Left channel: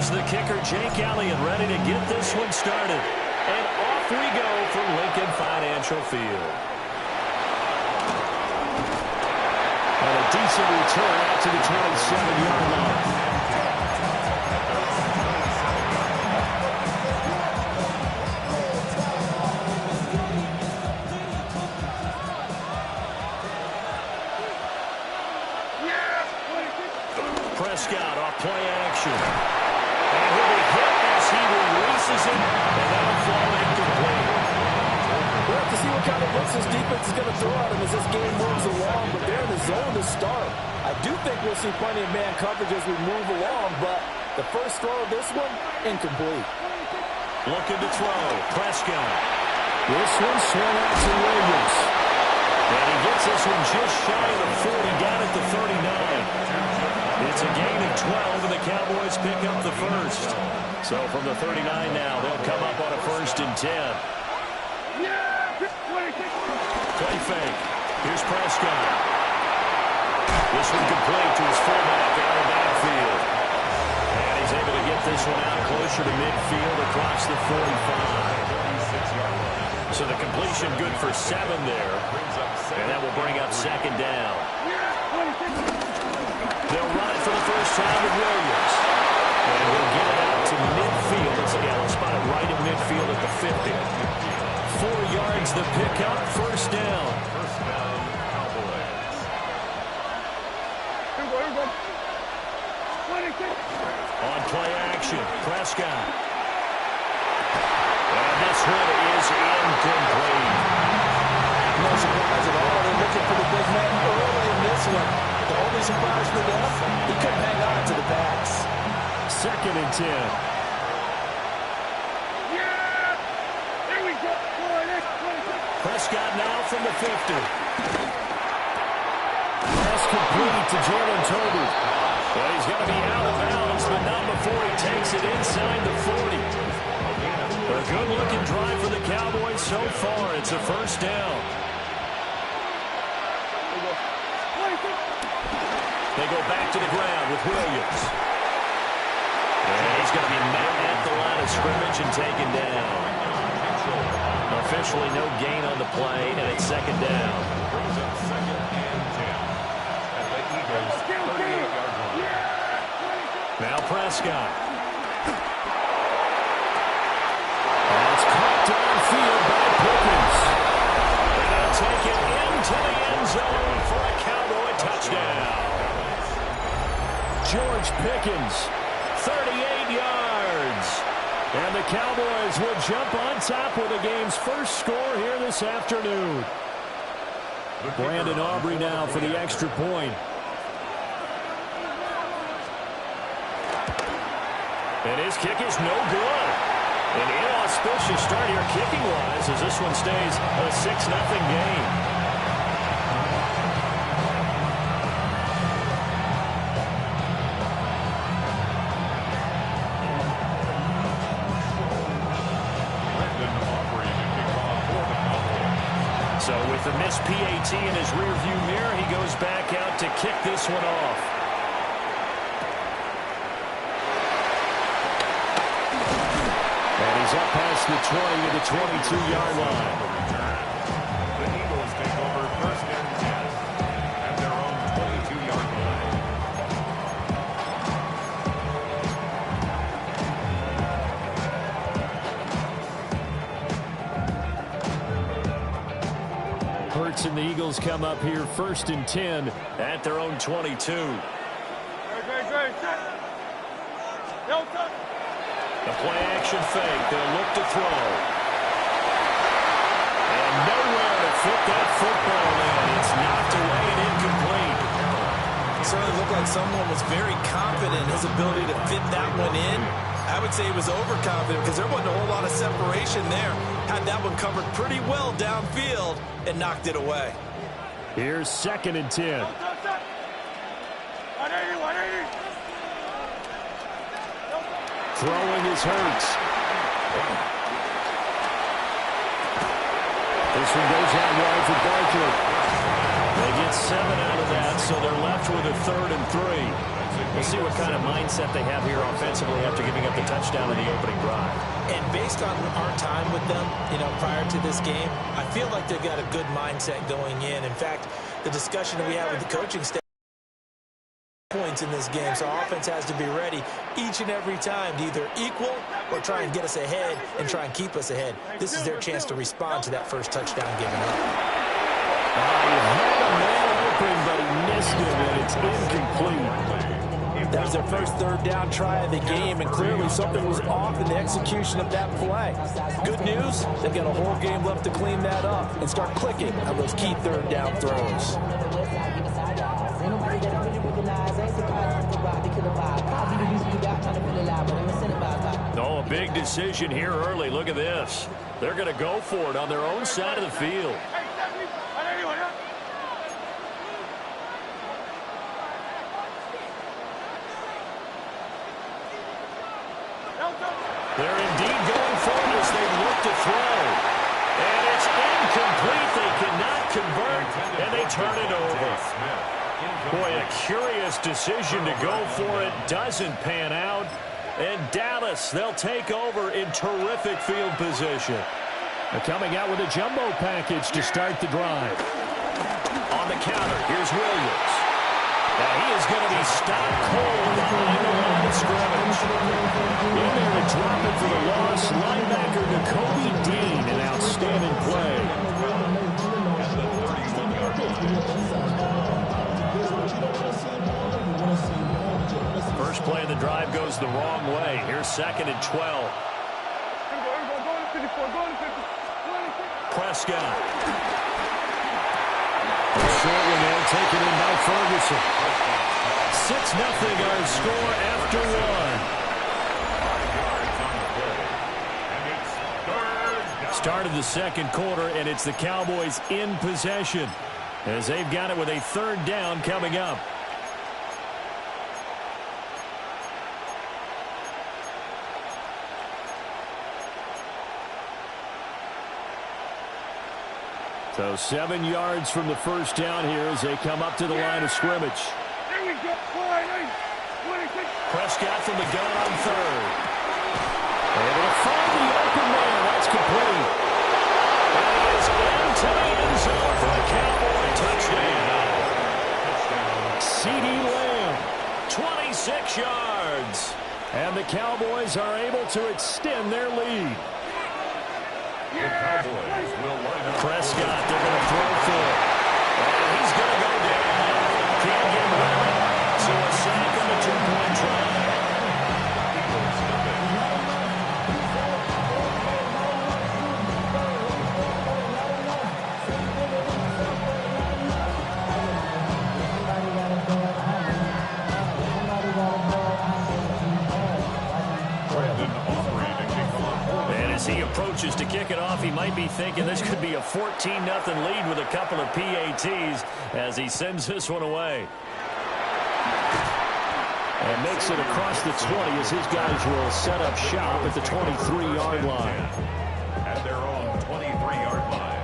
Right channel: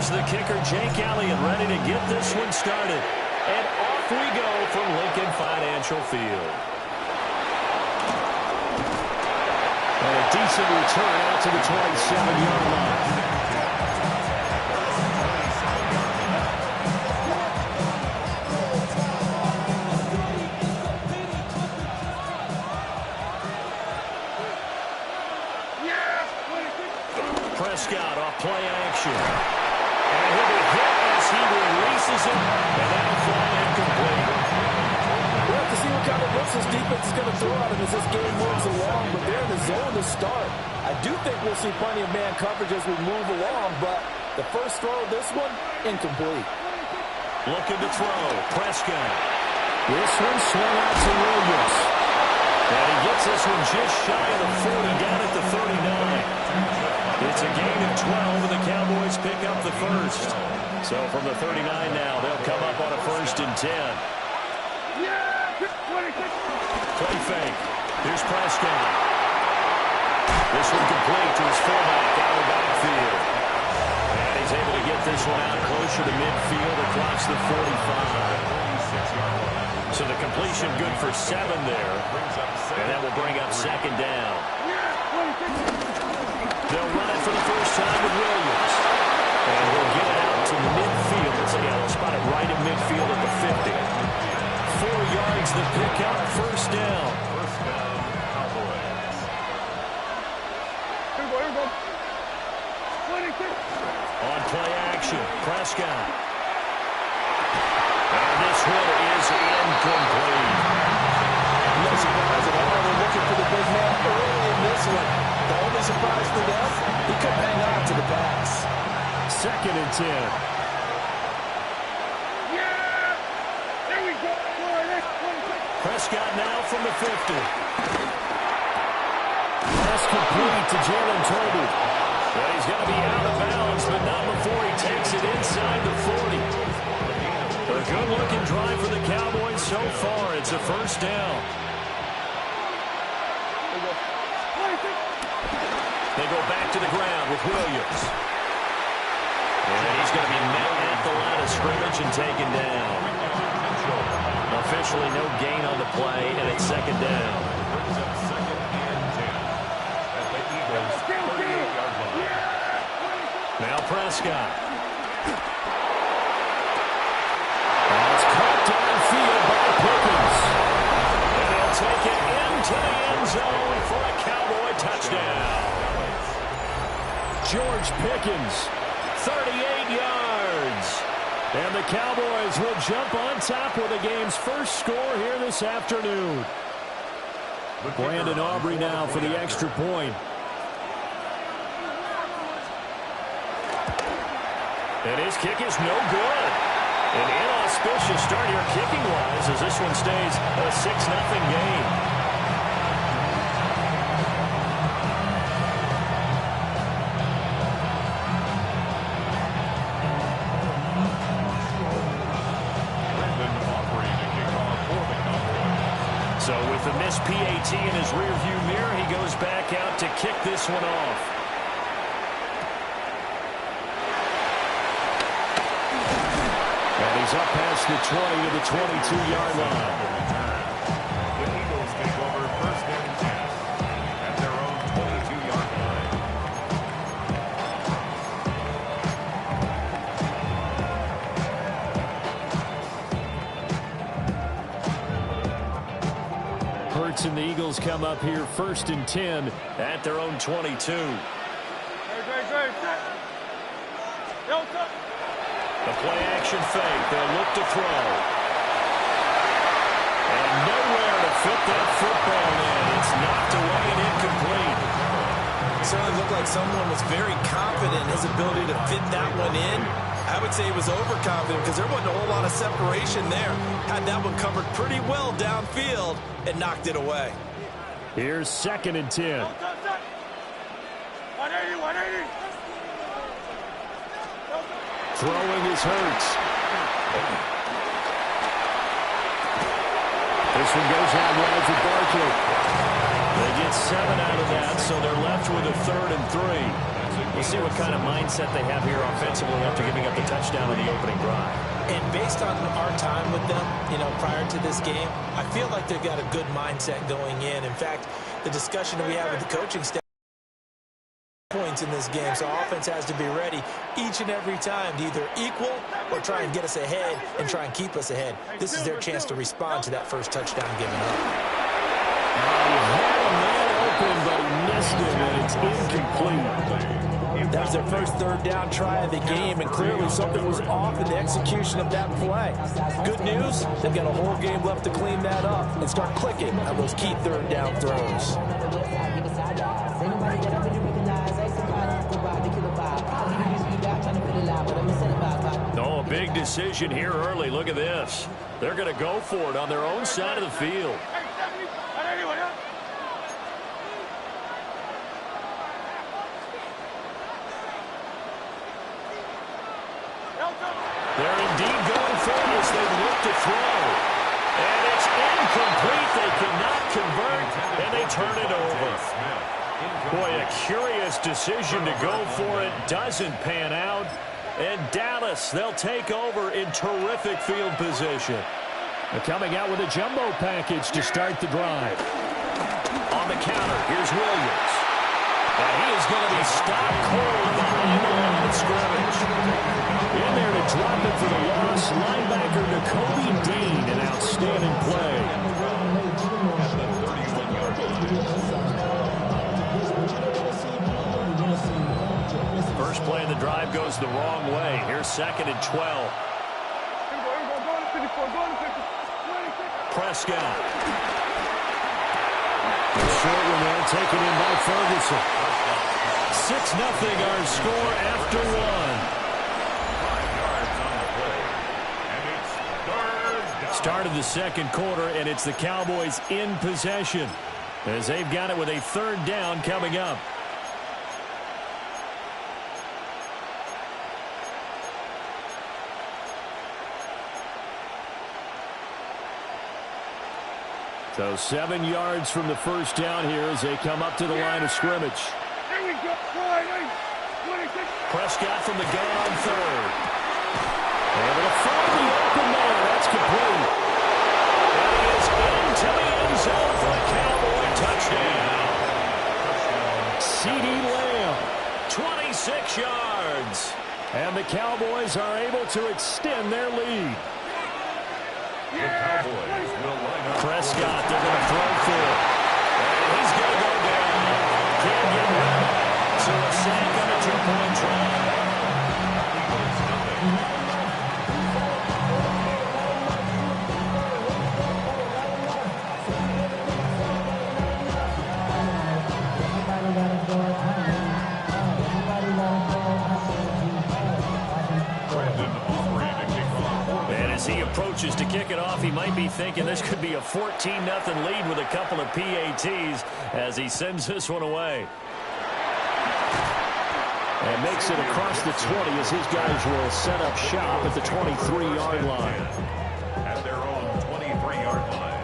Here's the kicker, Jake Elliott, ready to get this one started. And off we go from Lincoln Financial Field. And a decent return out to the 27-yard line. Prescott off play action. And he'll be hit as he releases it, and that'll fall incomplete. We'll have to see what kind of looks this defense is going to throw at him as this game moves along, but they're in the zone to start. I do think we'll see plenty of man coverage as we move along, but the first throw of this one, incomplete. Looking to throw, Prescott. This one swung out to Williams. And he gets this one just shy of the 40, down at the 39. It's a gain of 12, and the Cowboys pick up the first. So from the 39 now, they'll come up on a 1st and 10. Play fake. Here's Prescott. This one complete to his fullback out of the backfield. And he's able to get this one out closer to midfield across the 45. So the completion good for 7 there. And that will bring up 2nd down. They'll run it for the first time with Williams. And he'll get it out to midfield. Let's spot it right at midfield at the 50. 4 yards the pickup, 1st down. First down, Cowboys. On play action, Prescott. And this one is incomplete. No surprise at all. They're looking for the big man early in this one. The only surprise for them, he couldn't hang on to the pass. 2nd and 10. There we go. Prescott now from the 50. Pass complete to Jalen Tolbert. And he's going to be out of bounds, but not before he takes it inside the 40. A good-looking drive for the Cowboys so far. It's a 1st down. They go back to the ground with Williams. And he's going to be met at the line of scrimmage and taken down. Officially no gain on the play, and it's 2nd down. Brings up 2nd and 10 at the Eagles' 38-yard line. Now Prescott. That's caught downfield by Pickens. And he'll take it into the end zone for a Cowboy touchdown. George Pickens, 38 yards. And the Cowboys will jump on top with the game's first score here this afternoon. Brandon Aubrey now for the extra point. And his kick is no good. An inauspicious start here kicking-wise as this one stays a 6-0 game. So with the missed PAT in his rearview mirror, he goes back out to kick this one off. And he's up past the 20 to the 22-yard line. The Eagles take over 1st and 10 at their own 22-yard line. Hurts and the Eagles come up here 1st and 10 at their own 22. The play action fake. They'll look to throw. And nowhere to fit that football in. It's knocked away and incomplete. It certainly looked like someone was very confident in his ability to fit that one in. I would say he was overconfident because there wasn't a whole lot of separation there. Had that one covered pretty well downfield and knocked it away. Here's 2nd and 10. 180. Throwing is Hurts. This one goes out wide for Barkley. They get 7 out of that, so they're left with a 3rd and 3. We'll see what kind of mindset they have here offensively after giving up the touchdown in the opening drive. And based on our time with them, prior to this game, I feel like they've got a good mindset going in. In fact, the discussion that we have with the coaching staff points in this game, so offense has to be ready each and every time to either equal or try and get us ahead and try and keep us ahead. This is their chance to respond to that first touchdown given up. He had a man open, but he missed him, and it's incomplete. That was their first 3rd down try of the game, and clearly something was off in the execution of that play. Good news, they've got a whole game left to clean that up and start clicking on those key 3rd down throws. Oh, a big decision here early. Look at this. They're going to go for it on their own side of the field. They're indeed going for it as they look to throw. And it's incomplete. They cannot convert, and they turn it over. Boy, a curious decision to go for it. Doesn't pan out. And Dallas, they'll take over in terrific field position. They're coming out with a jumbo package to start the drive. On the counter, here's Williams. And he is going to be stopped cold behind the line of scrimmage. In there to drop it for the loss, linebacker Nakobe Dean, an outstanding play. At the 31-yard line. First play of the drive goes the wrong way. Here's 2nd and 12. Prescott. Short one there, taken in by Ferguson. 6-0 our score after 1. 5 yards on the play. And it's 3rd down. Started the 2nd quarter, and it's the Cowboys in possession as they've got it with a 3rd down coming up. So 7 yards from the first down here as they come up to the line of scrimmage. There we go. Prescott from the gun on 3rd. Able to find the open man. That's complete. And he is into the end zone for a Cowboy touchdown. CeeDee Lamb, 26 yards. And the Cowboys are able to extend their lead. The Cowboys will line up. Prescott, they're going to throw for it. And he's going to go down. Can't get rid of it. So a sack on a 2-point try. Eagles nothing. And as he approaches to kick it off, he might be thinking this could be a 14-0 lead with a couple of PATs as he sends this one away. And makes it across the 20 as his guys will set up shop at the 23-yard line. At their own 23-yard line.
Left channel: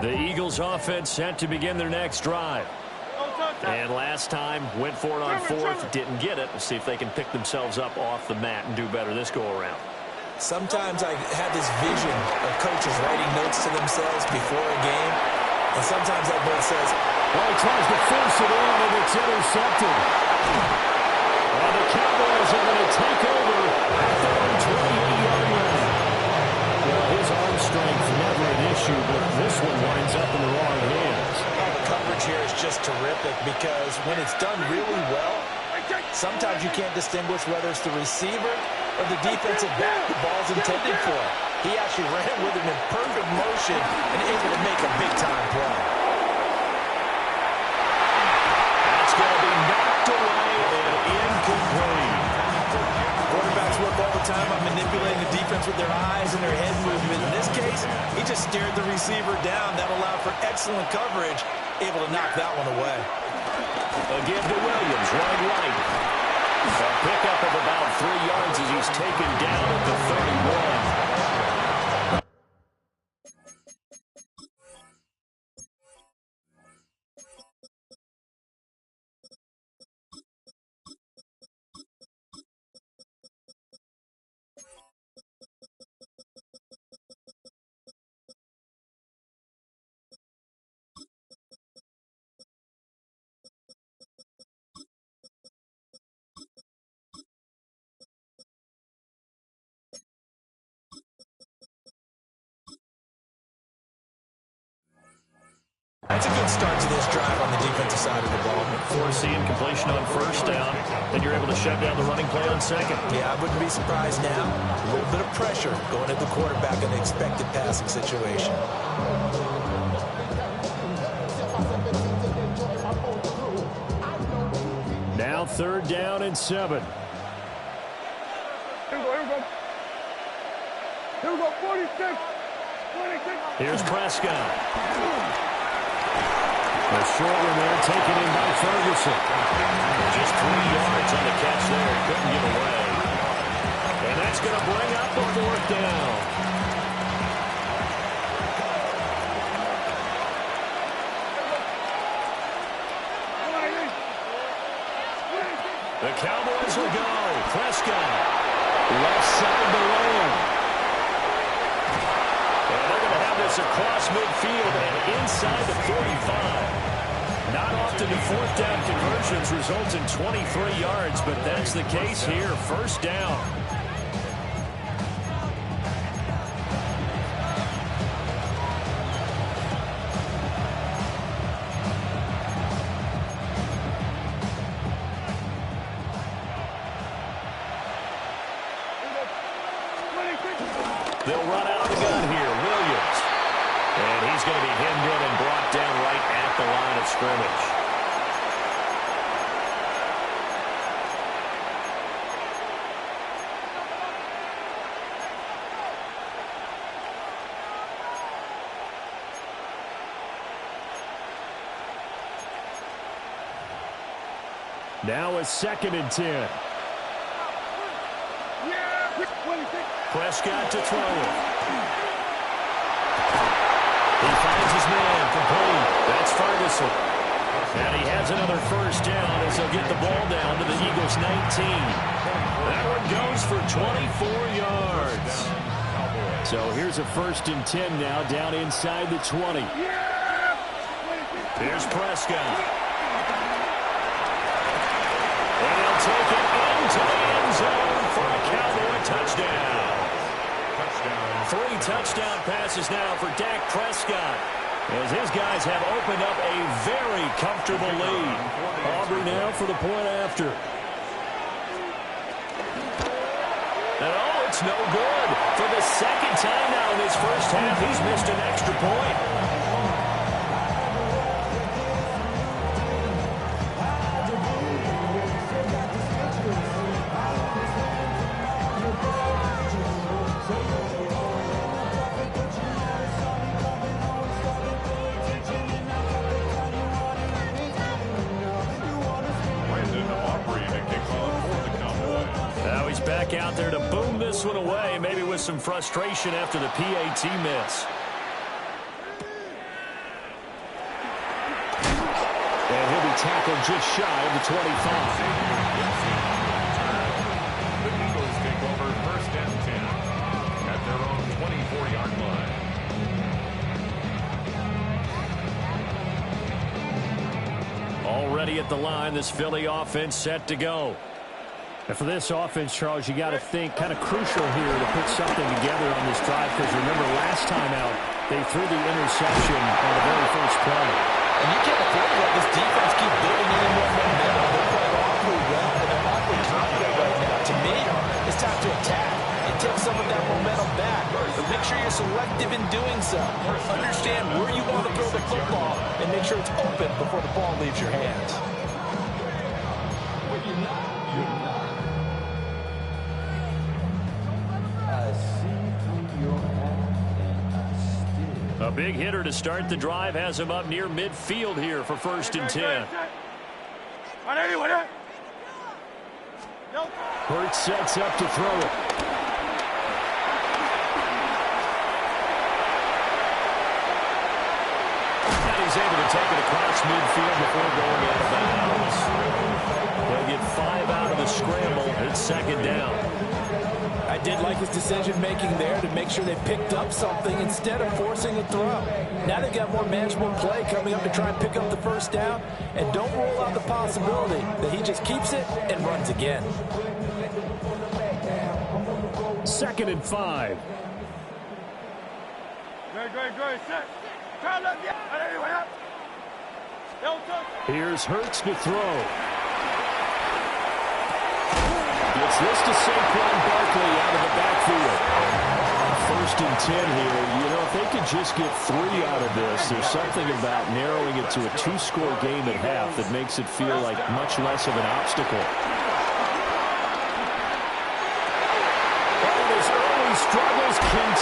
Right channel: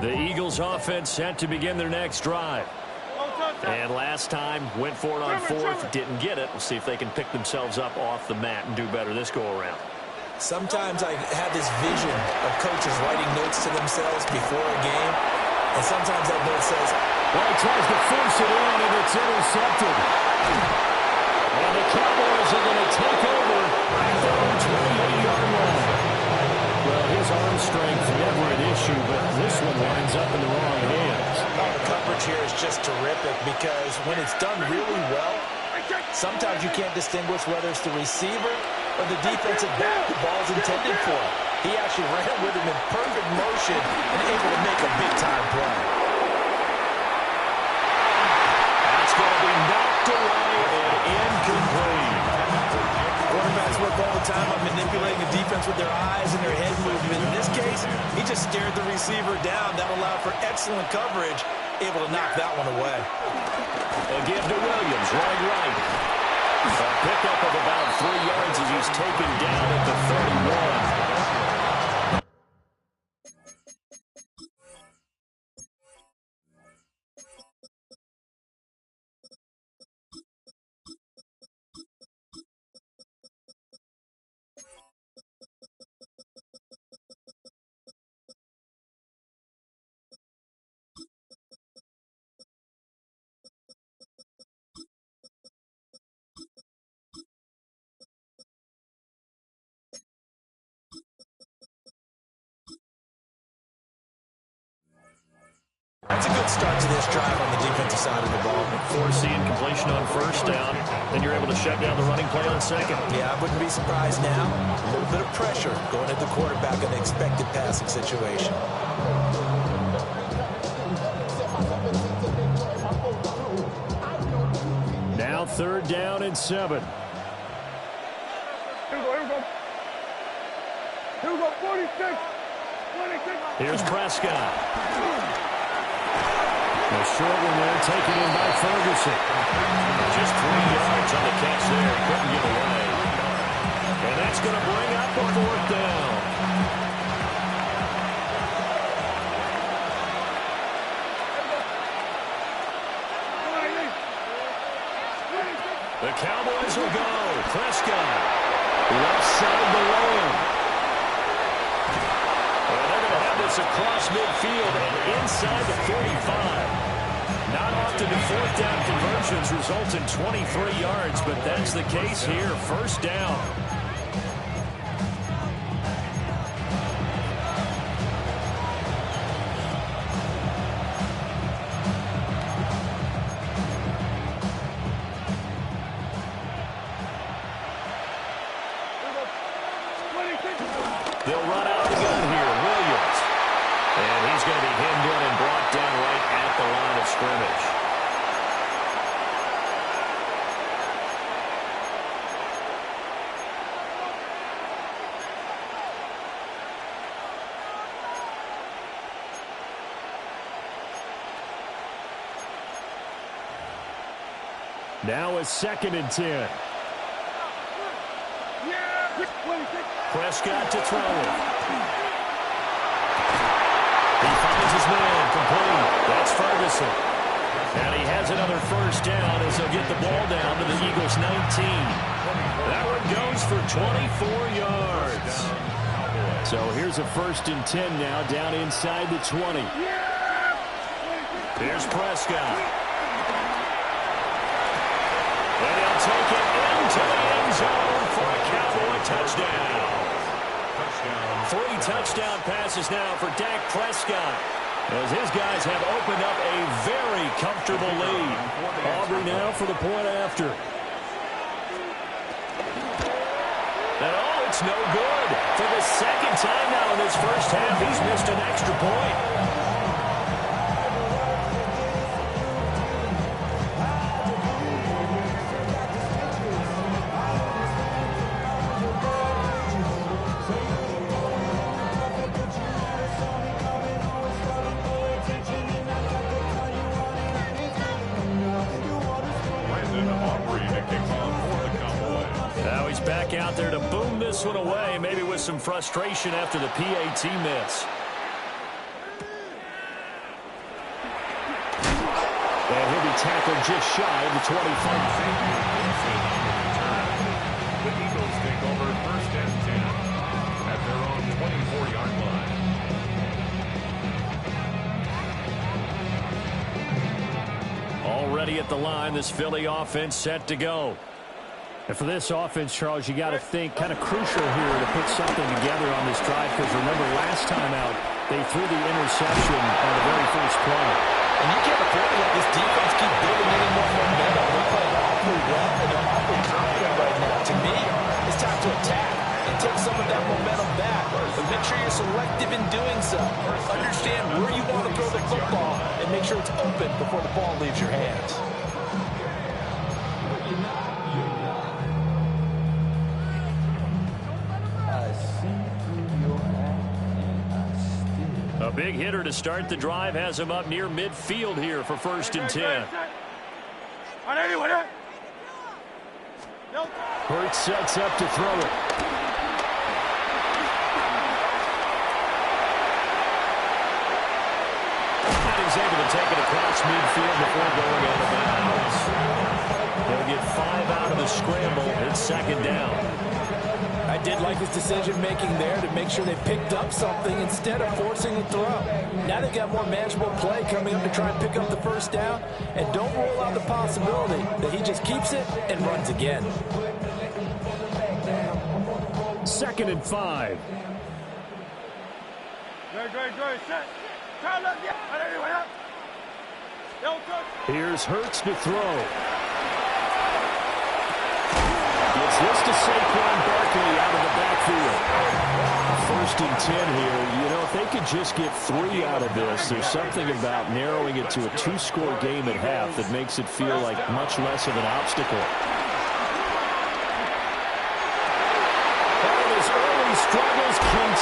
The Eagles offense set to begin their next drive. And last time, went for it on 4th, didn't get it. We'll see if they can pick themselves up off the mat and do better this go-around. Sometimes I have this vision of coaches writing notes to themselves before a game, and sometimes that note says, well, he tries to force it in, and it's intercepted. And the Cowboys are going to take over at their own 28-yard line. Well, his arm strength never an issue, but this one winds up in the wrong hands. Oh, the coverage here is just terrific because when it's done really well, sometimes you can't distinguish whether it's the receiver or the defensive back the ball's intended for. He actually ran with him in perfect motion and able to make a big-time play. That's going to be knocked away and incomplete. Quarterbacks work all the time on manipulating the defense with their eyes and their head movement. In this case, he just stared the receiver down. That allowed for excellent coverage, able to knock that one away. A give to Williams, running right. A pickup of about 3 yards as he's taken down at the 31. That's a good start to this drive on the defensive side of the ball. Forcing completion on first down. Then you're able to shut down the running play on second. Yeah, I wouldn't be surprised now. A little bit of pressure going at the quarterback in the expected passing situation. Now 3rd down and 7. Here we go, 46. Here's Prescott. A short one there, taken in by Ferguson. Just 3 yards on the catch there. He couldn't get away. And that's going to bring up a 4th down. The Cowboys will go. Prescott. Left side to Lamb. And they're going to have this across midfield and inside the 45. Not often do 4th down conversions result in 23 yards, but that's the case here. 1st down. They'll run out of the gun here. Williams. And he's going to be hemmed in and brought down right at the line of scrimmage. Now a 2nd and 10. Prescott to throw it. He finds his man complete. That's Ferguson. And he has another 1st down as he'll get the ball down to the Eagles' 19. That one goes for 24 yards. So here's a 1st and 10 now down inside the 20. Here's Prescott. And he'll take it into the end zone for a Cowboy touchdown. 3 touchdown passes now for Dak Prescott, as his guys have opened up a very comfortable lead. Aubrey now for the point after. And oh, it's no good. For the 2nd time now in this 1st half, he's missed an extra point. Now he's back out there to boom this one away, maybe with some frustration after the PAT miss. And he'll be tackled just shy of the 25. The Eagles take over 1st and 10 at their own 24-yard line. Already at the line, this Philly offense set to go. And for this offense, Charles, you got to think kind of crucial here to put something together on this drive, because remember last time out, they threw the interception on the very first play. And you can't afford to let this defense keep building any more momentum. They're playing awfully well, and they're awfully confident right now. To me, it's time to attack and take some of that momentum back. But make sure you're selective in doing so. Understand where you want to throw the football and make sure it's open before the ball leaves your hands. A big hitter to start the drive has him up near midfield here for 1st and 10. Hurts sets up to throw it. And he's able to take it across midfield before going out of bounds. He'll get 5 out of the scramble. It's 2nd down. I did like his decision-making there to make sure they picked up something instead of forcing a throw. Now they've got more manageable play coming up to try and pick up the 1st down, and don't rule out the possibility that he just keeps it and runs again. 2nd and 5. Here's Hurts to throw. Gets this to Saquon Barkley out of the backfield. 1st and 10 here. You know, if they could just get 3 out of this, there's something about narrowing it to a 2-score game at half that makes it feel like much less of an obstacle. And his early struggles continue.